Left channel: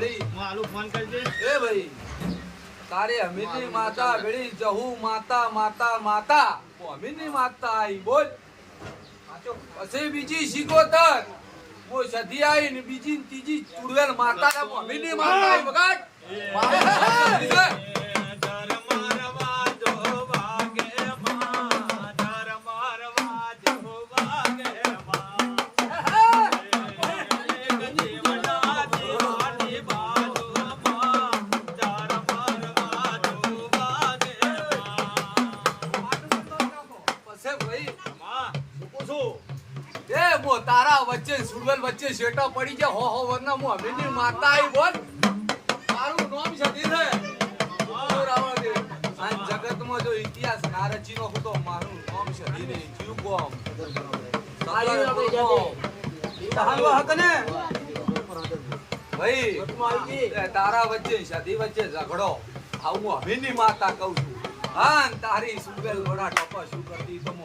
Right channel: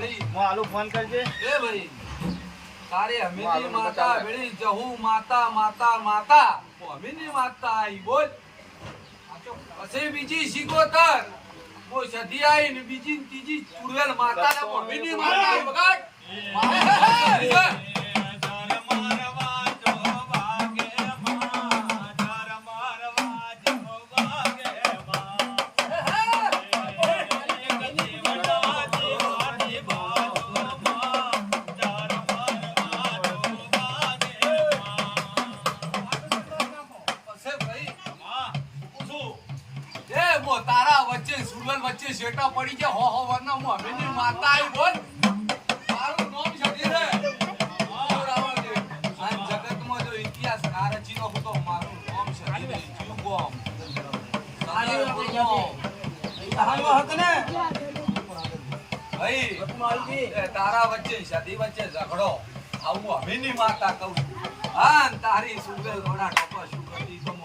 આલુ phone કરજે એ ભાઈ તારે હમીની માતા વેળી જહુ માતા માતા માતા હમીની માતા આઈ બોલ પછી બીજી શીખોતર મો સધી આઈ ને બીજી ત્રીજી ચુડવેલ માતા ના હમીની માતા આઈ વગાડ તારા વચ્ચે સુરવલ વચ્ચે શેટા પડી જાય હો હો વરના મો હમીની માતા આઈ બોલ તારું નામ સધી રે આ જગતમાં જો ઇતિહાસ નારચીનો હતો મારું નામ સધી રે જીવ ગોમ સારી આપણે જાતે કહાવા હક ને ભાઈ તારા વચ્ચે સધી વચ્ચે ઝઘડો આવું હમીની માતા કહું હા તારી સુગલ લોડા ટપા શું કરતી તો